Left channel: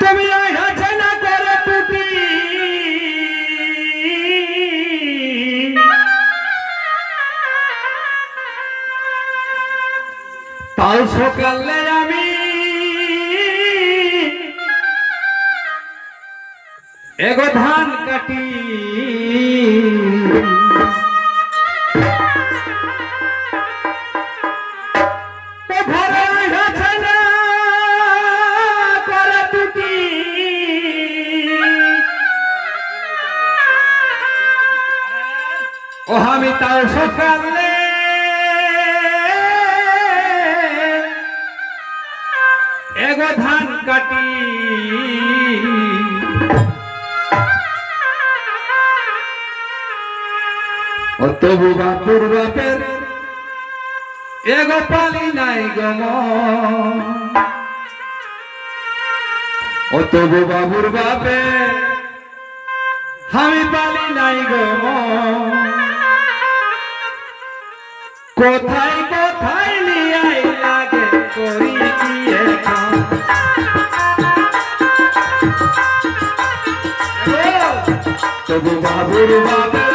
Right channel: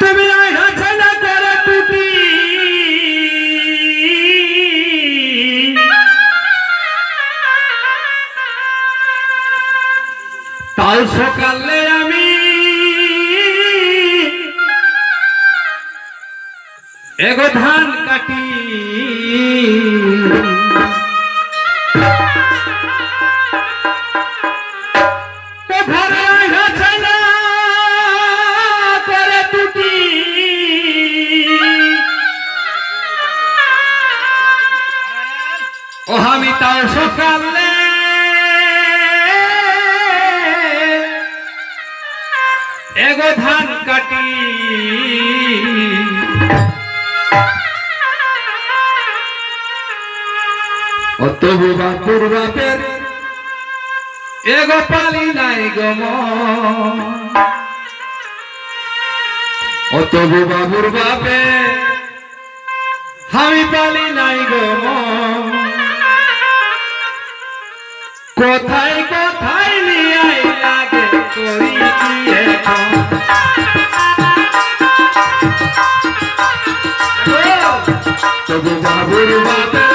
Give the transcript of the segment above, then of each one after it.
তুমি আইনাছে না করে সকালে আমি এগো ধান কাটি আমি তাও সকালে এগো ধান কাটি। তবু বাপুর বাপের এগো পালি নাই গম ও তবু বাবুর বাপে আমি পালি নাই গম কোথায় কোথায় নিয়ে লাগে? করি কি তবু বাবুর বাপের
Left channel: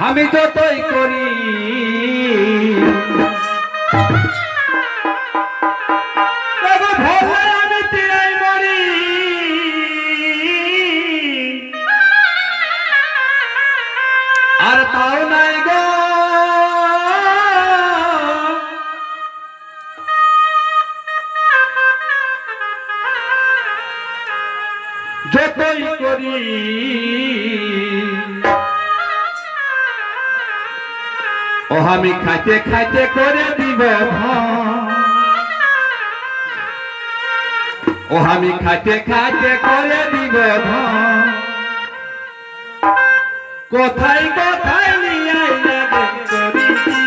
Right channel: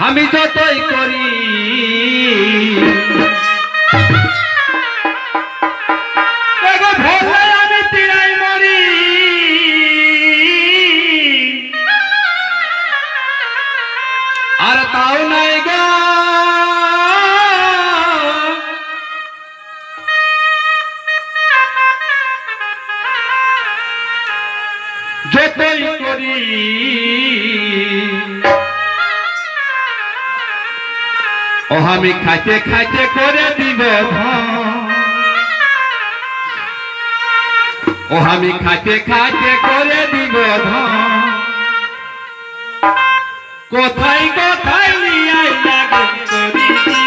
আমি যতই করি। আমি তিনাই মরি। আর তাও নাই গো। যতই করি। ও আমি খাইতে খাইতে করে দিব। ও আমি খাইতে খাইতে করে দিব। কোথায় কোথায় নিয়ে লাগে করি কি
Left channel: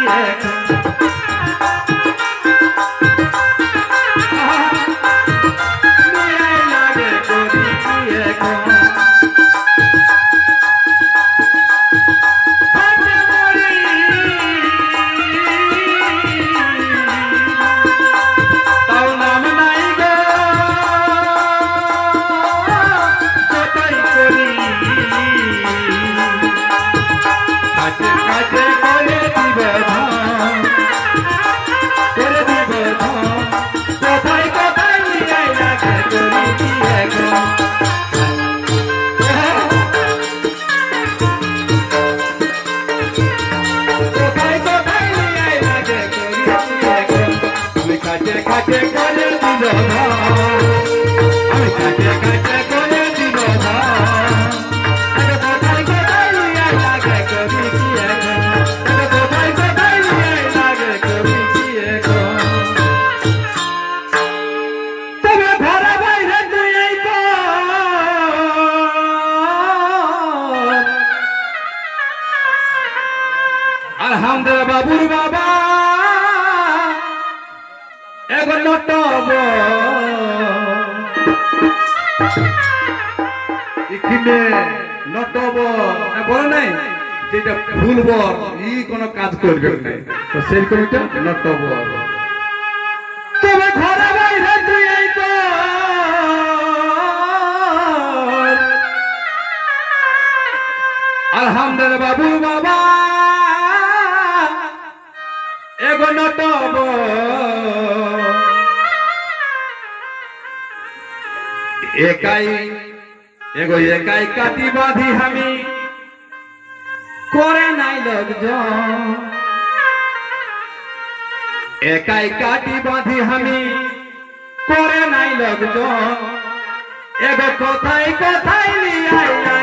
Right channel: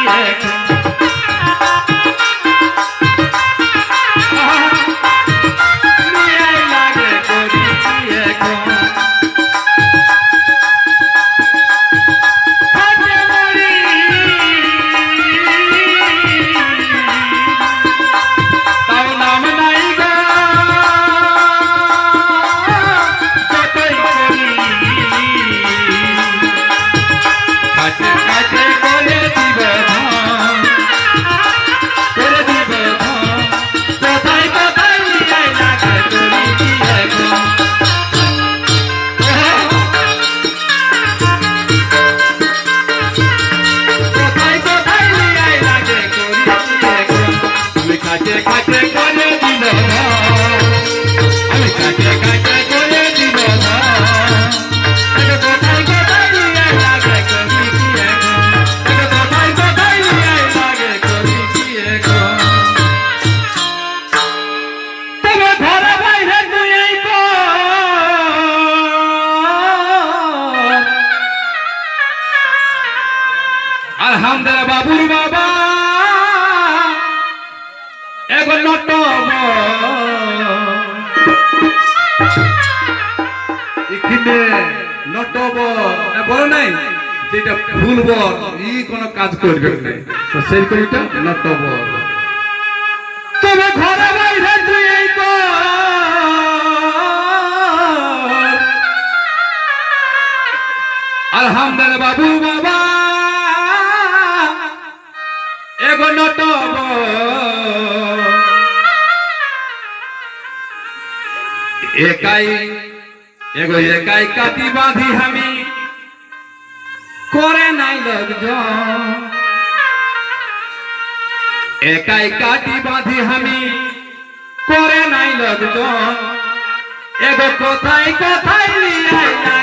বাবুর বাবা। এখন এখানে নটব বলো নাই, যেটা ভুলব ই কোনো কাজ করবে তো সেই কমিটা নটব তবে ঘরে বাইরে তুই হামদার বাবু একাই, এগো একাই কাটি বাঁধি আমি। করে নাই লোকজন। একাই কাটি বাঁধি আমি। করে নাই লোকজন। এগো কোথায় কোথায় লিয়াই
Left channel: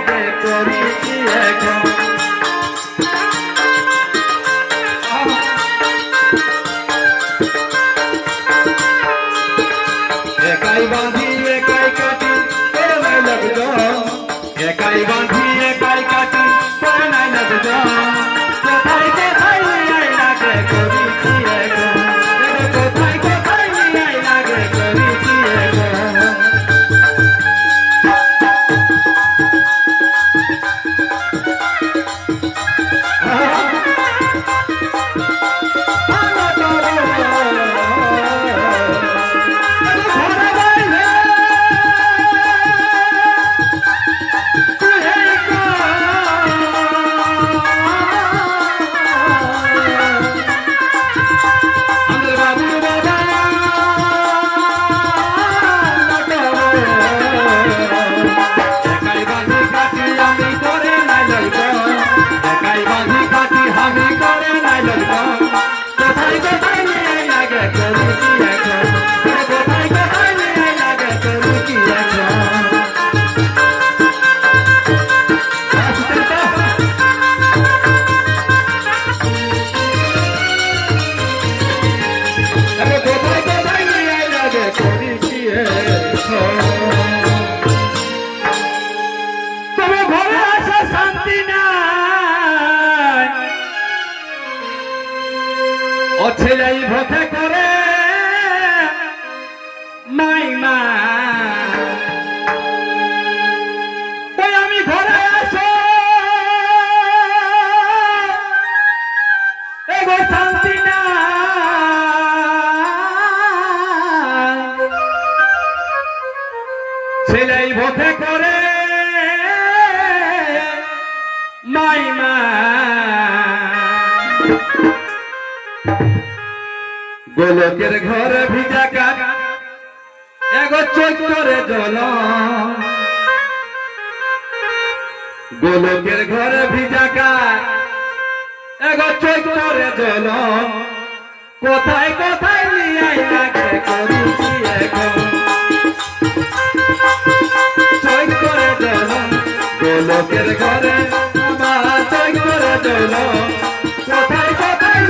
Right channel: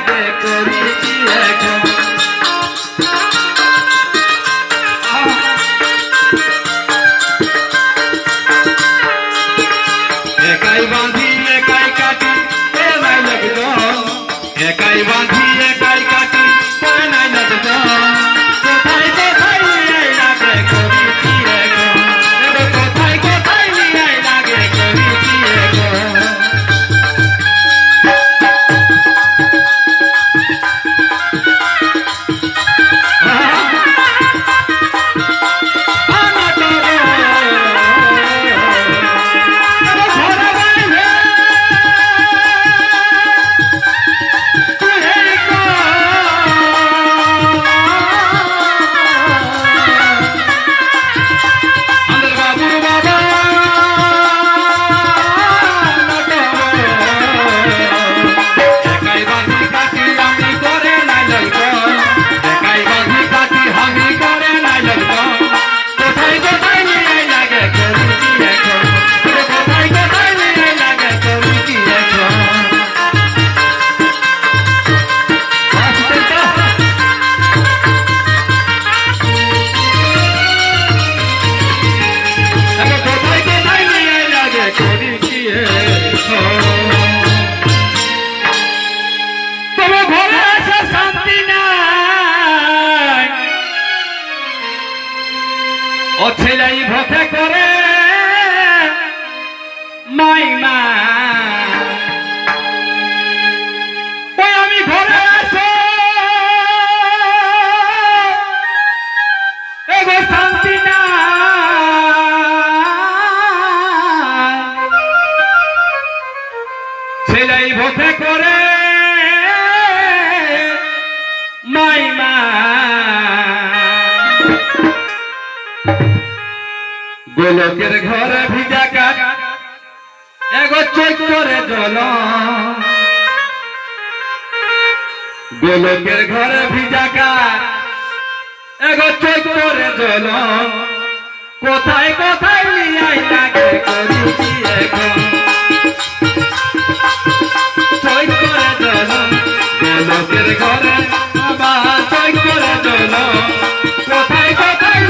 ও ছেলেই করে। মাই মা। আমি ঘরে আসো এগো শান্তি নাই ছেলেই ভোটে করে। মাই মা। গোলকের ঘরে ভিজা এগো চোখ করে জল গোলকের ঘরে ভিজা এগো চোখ করে জল। কোথায় কোথায় লিয়াই লাগে করি কি এখন? গোলকের ঘরে কোথায় কোথায়